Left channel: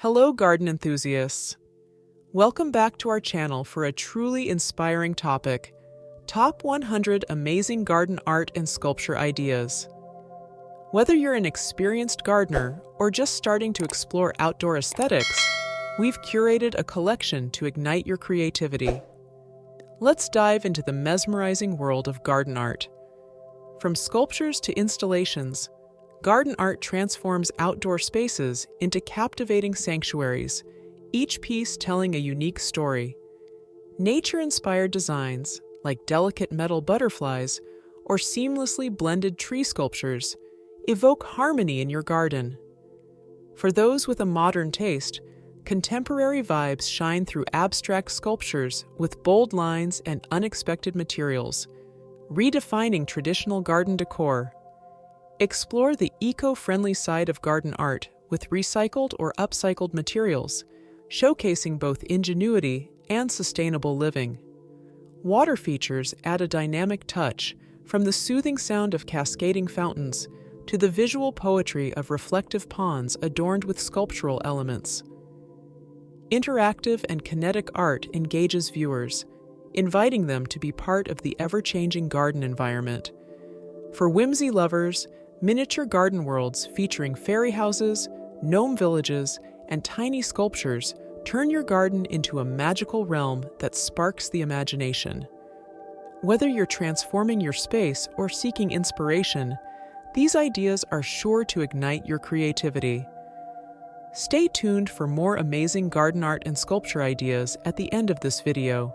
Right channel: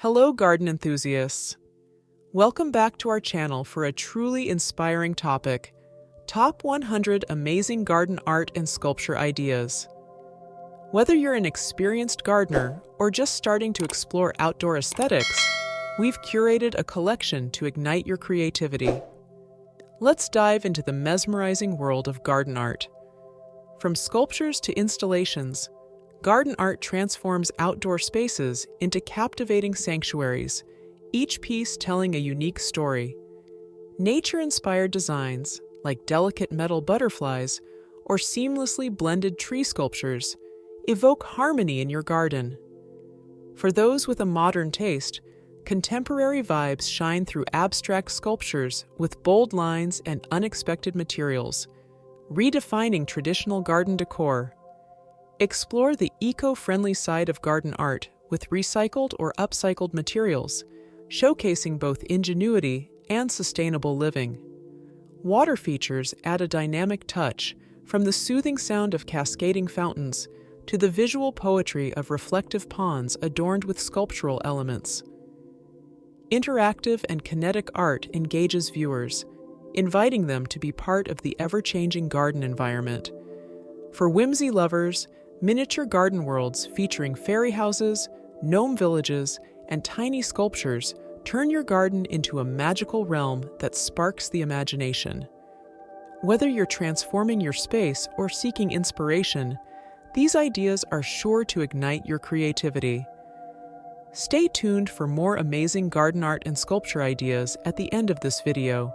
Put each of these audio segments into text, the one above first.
Hello, garden enthusiasts. Welcome back to our channel for a truly inspiring topic, Top 100 Amazing Garden Art and Sculpture Ideas. Whether you're an experienced gardener or just starting to explore outdoor aesthetics, we've curated a collection to ignite your creativity. Let's dive into the mesmerizing world of garden art. From sculptures to installations, garden art transforms outdoor spaces into captivating sanctuaries, each piece telling a unique story. Nature-inspired designs, like delicate metal butterflies or seamlessly blended tree sculptures, evoke harmony in your garden. For those with a modern taste, contemporary vibes shine through abstract sculptures with bold lines and unexpected materials, redefining traditional garden decor. Explore the eco-friendly side of garden art with recycled or upcycled materials, showcasing both ingenuity and sustainable living. Water features add a dynamic touch, from the soothing sound of cascading fountains to the visual poetry of reflective ponds adorned with sculptural elements. Interactive and kinetic art engages viewers, inviting them to be part of the ever-changing garden environment. For whimsy lovers, miniature garden worlds featuring fairy houses, gnome villages, and tiny sculptures turn your garden into a magical realm that sparks the imagination. Whether you're transforming your space or seeking inspiration, these ideas are sure to ignite your creativity. Stay tuned for more amazing garden art and sculpture ideas at the end of this video.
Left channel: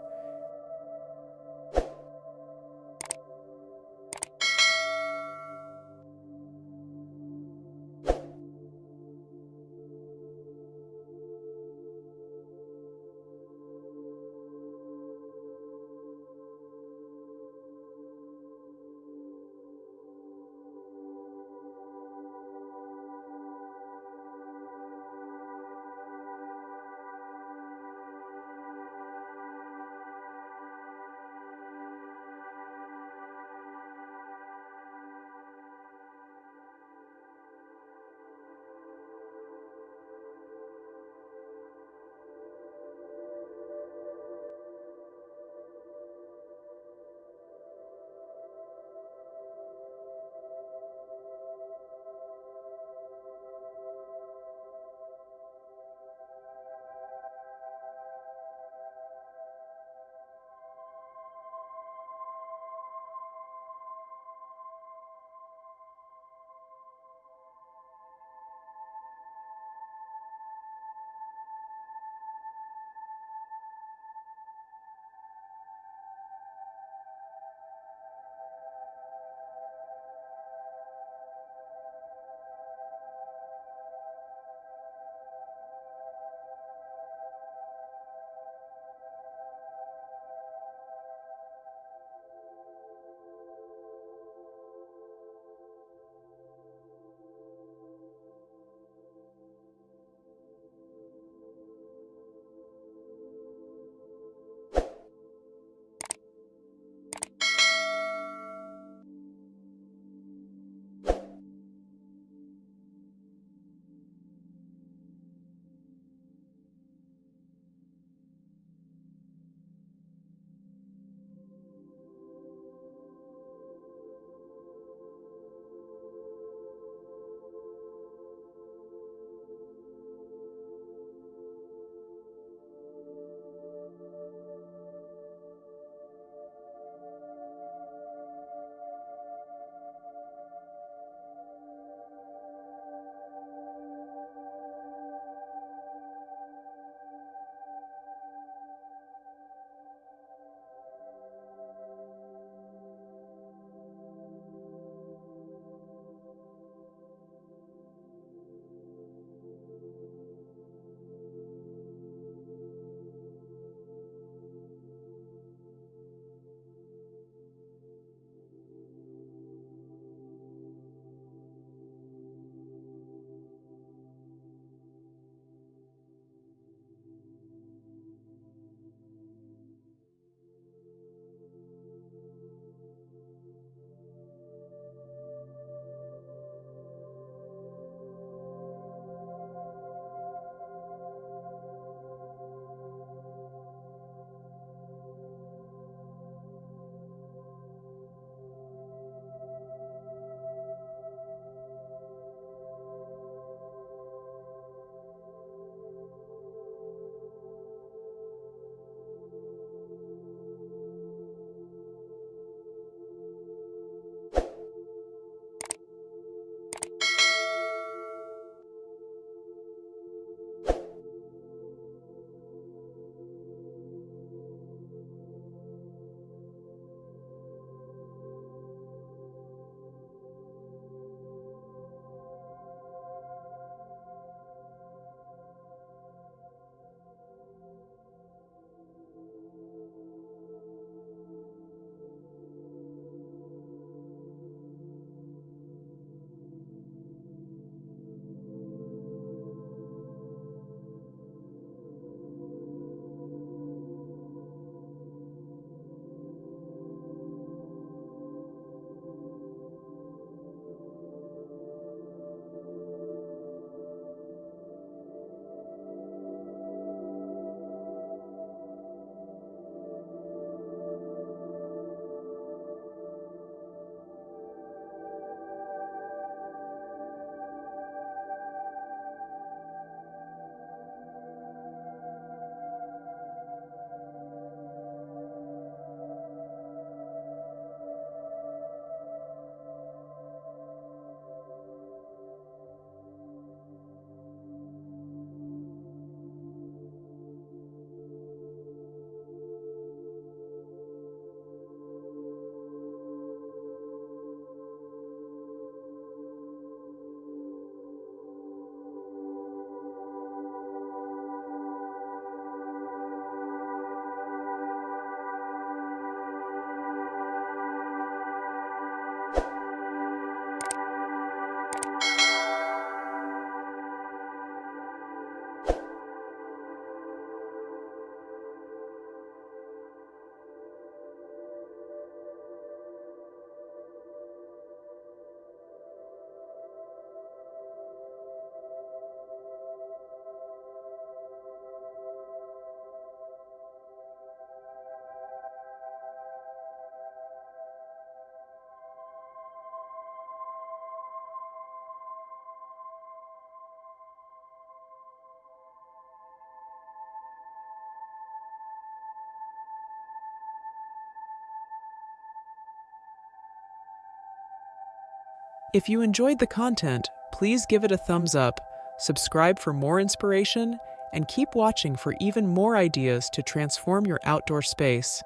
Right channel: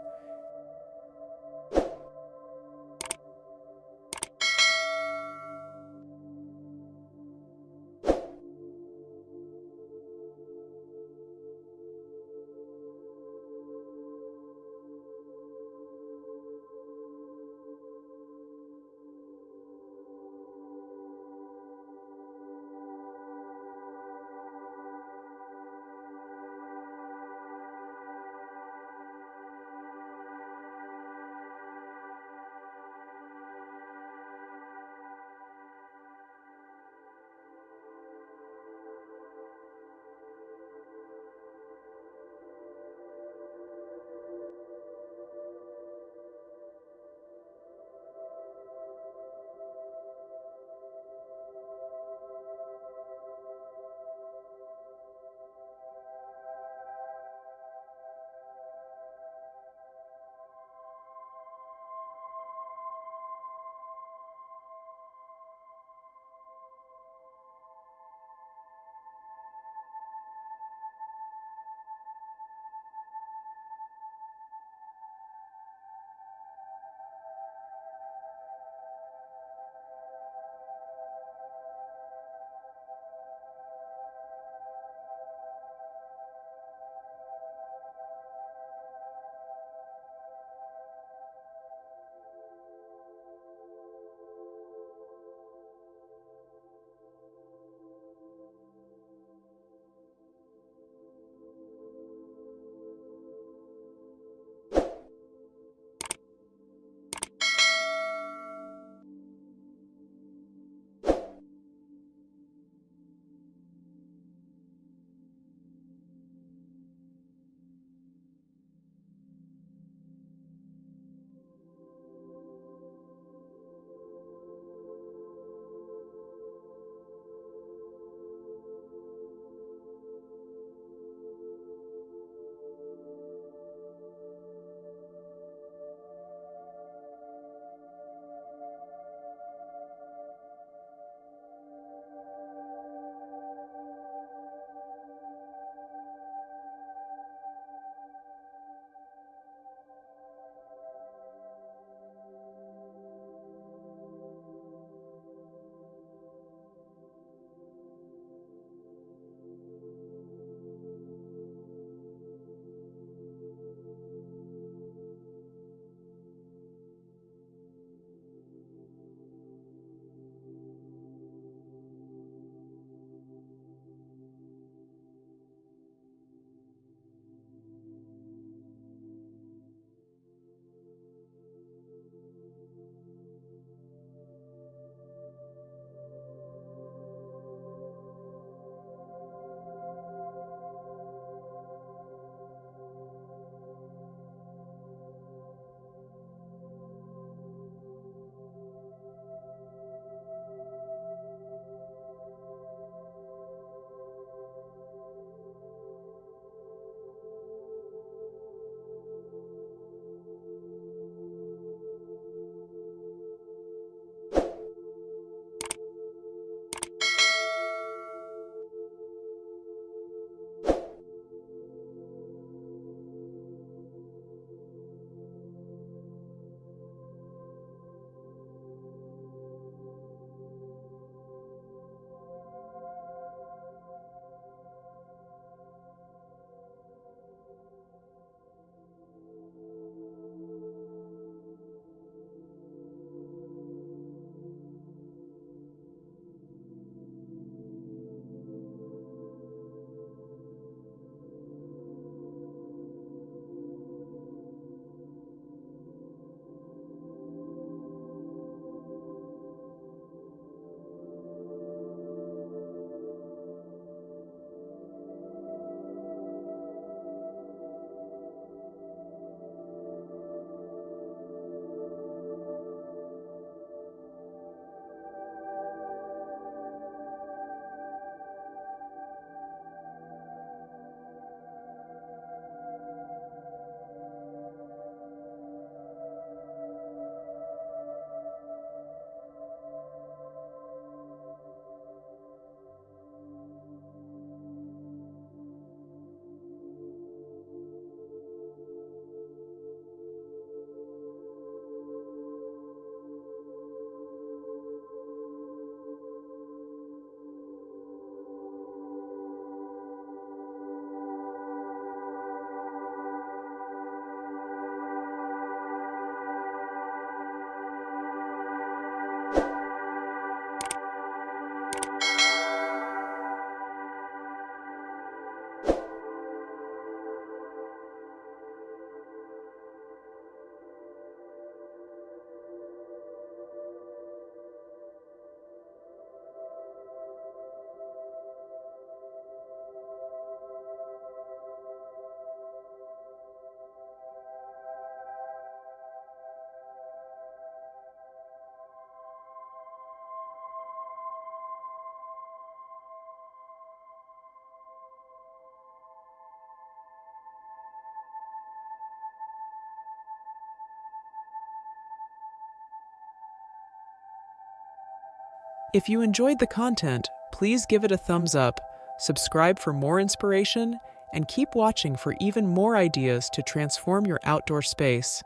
If you enjoyed the content, please give it a thumbs up, subscribe for more inspiration, and keep watching for even more ideas to transform your outdoor space.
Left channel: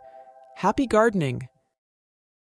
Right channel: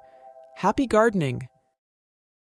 Happy gardening!